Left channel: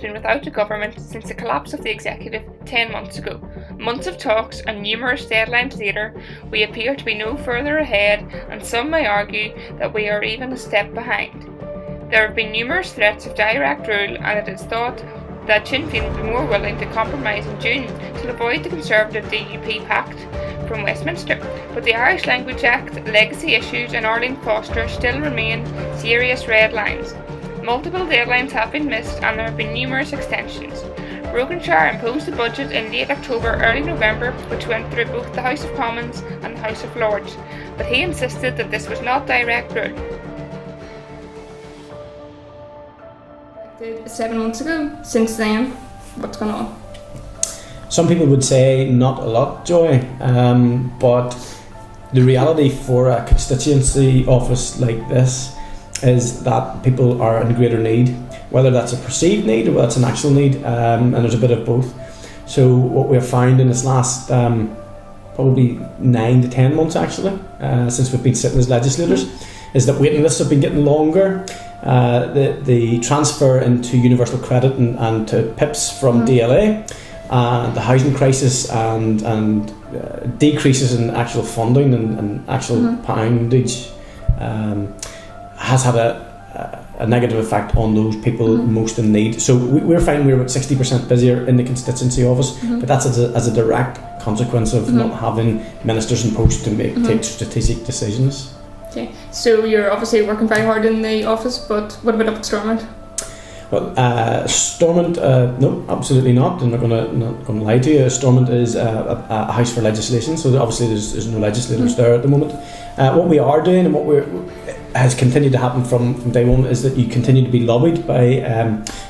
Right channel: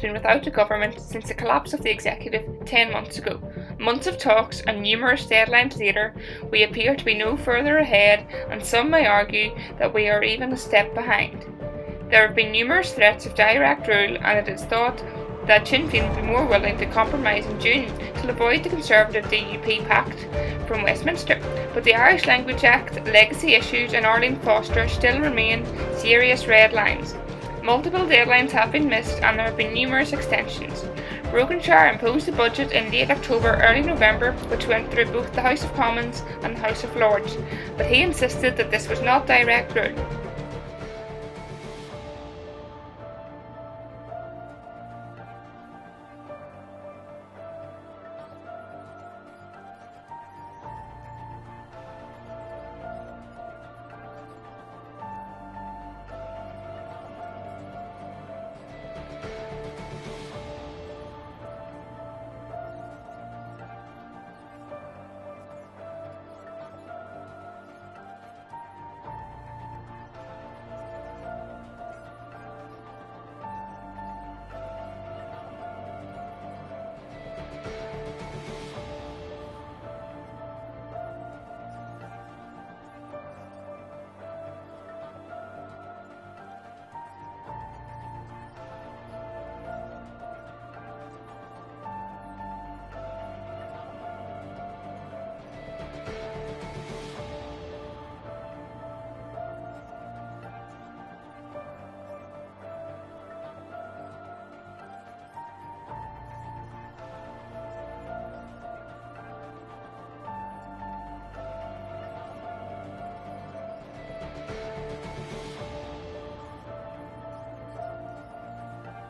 been without a government since the collapse of the executive 10 months ago. Months of talks and numerous deadlines later, we appear to be no further ahead, and some may argue that we are even a step behind. There have been numerous threats of direct rule, and it is thought that Sinn Féin would be more willing to compromise in June to avoid the Conservative DUP pact from Westminster. But the Irish Language Act, legacy issues and Arlene Foster still remain serious red lines. Multiple deadlines have been missed and there have been numerous extensions. Brokenshire imposed a budget in late October, early November, which went through both the House of Commons and the House of Lords, but he insisted that this was not direct rule. 7 months ago. Since then, what's going on? Some people would say not a lot, Joy, but the reality for a constituency office like this is that people are in greater need, whether that's a perceived need or whether that's an actual need, and there's a bit of both. So what we have found in this last probably 9 to 10 months actually, since we've been sitting as legislators, is that waiting lists have been getting longer. The transfer into universal credit and to PIPs from DLA, the housing crisis and decreases in actual funding and actual poundage has had a negative effect on those people most in need. So we're finding we're about 60% busier in the constituency office, but that's as a direct consequence of not having ministers in post to take strategic decisions. Okay, so you're obviously working very hard in the office, but what about up at Stormont? Well, Stormont, no, absolutely not. I'm not going to lie to you. Stormont is a house for legislation, so obviously there's no legislators there at the moment. What we are doing and what has continued to happen from day one is that you continue to be lobbied by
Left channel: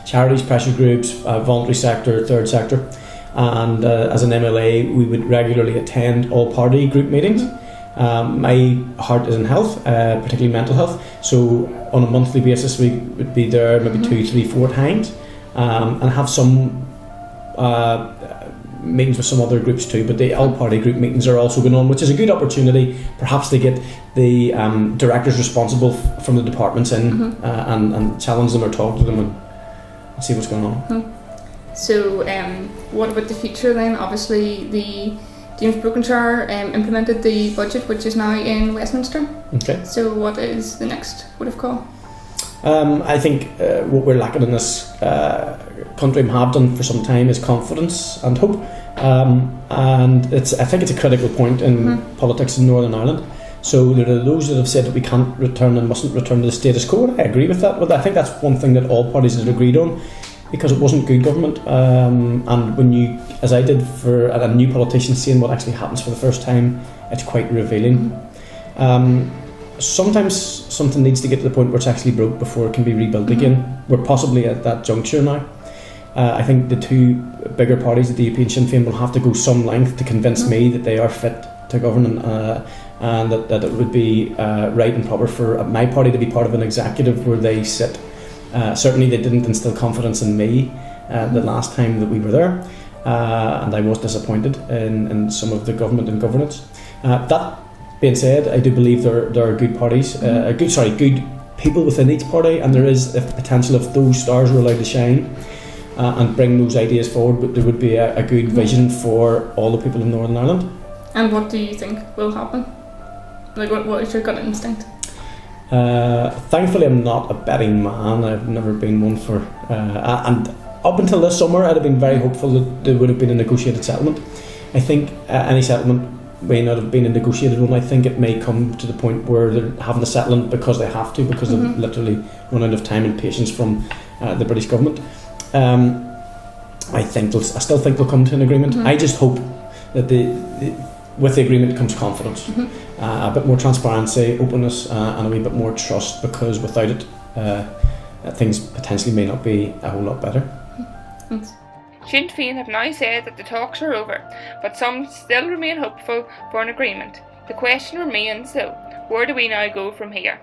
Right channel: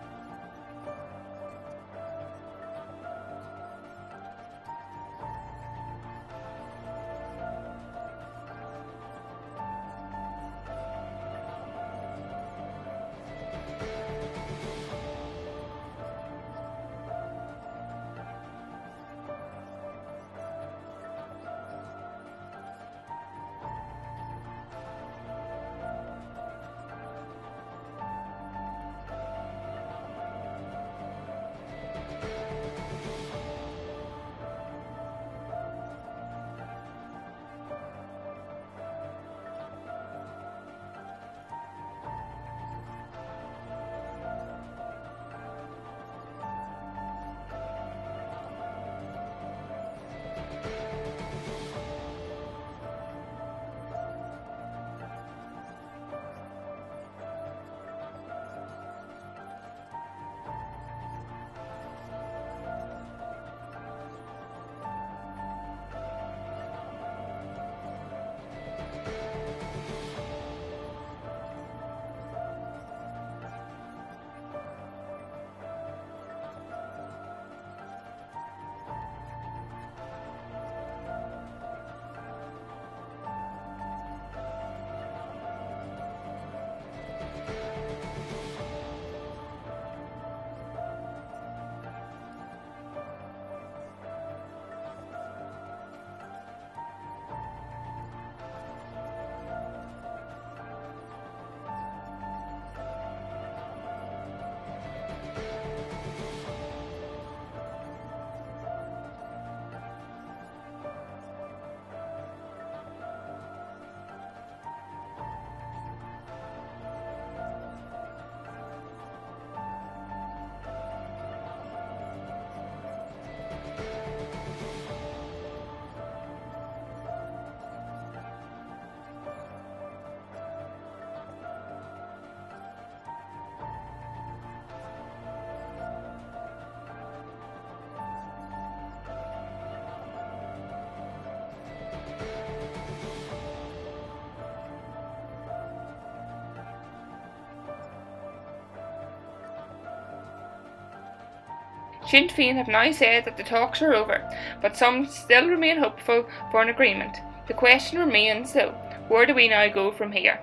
charities, pressure groups, voluntary sector, third sector, and as an MLA we would regularly attend all party group meetings. My heart is in health, particularly mental health, so on a monthly basis we would be there maybe 2, 3, 4 times, and have some meetings with some other groups too, but the all-party group meetings are also going on, which is a good opportunity perhaps to get the directors responsible from the departments in and challenge them or talk to them and see what's going on. So what about the future then? Obviously the James Brokenshire implemented the budget, which is now in Westminster. Okay. So what is the next port of call? I think what we're lacking in this country and have done for some time is confidence and hope. And I think it's a critical point in politics in Northern Ireland. So there are those that have said that we can't return and mustn't return to the status quo. I agree with that, but I think that's one thing that all parties have agreed on, because it wasn't good government, and when you, as I did for a new politician, seeing what actually happens for the first time, it's quite revealing. Sometimes something needs to get to the point where it's actually broke before it can be rebuilt again. We're possibly at that juncture now. I think the two bigger parties, the DUP and Sinn Féin, will have to go some length to convince me that they are fit to govern, and that it would be right and proper for my party to be part of an executive where they sit. Certainly they didn't instill confidence in me the last time that we were there, and I was disappointed in some of the government and governance. That being said, I do believe there are good parties, good people within each party, and there is the potential, if those stars were allowed to shine and bring those ideas forward, but there would be a good vision for all the people in Northern Ireland. And what do you think will happen? Like, what is your gut instinct? Thankfully I'm not a betting man. I've never been one for and up until this summer I'd have been very hopeful that there would have been a negotiated settlement. I think any settlement may not have been a negotiated one. I think it may come to the point where they're having a settlement because they have to, because they've literally run out of time and patience from the British government. I still think they'll come to an agreement. I just hope that with the agreement comes confidence, a bit more transparency, openness, and a wee bit more trust, because without it, things potentially may not be a whole lot better. Sinn Féin have now said that the talks are over, but some still remain hopeful for an agreement. The question remains though, where do we now go from here?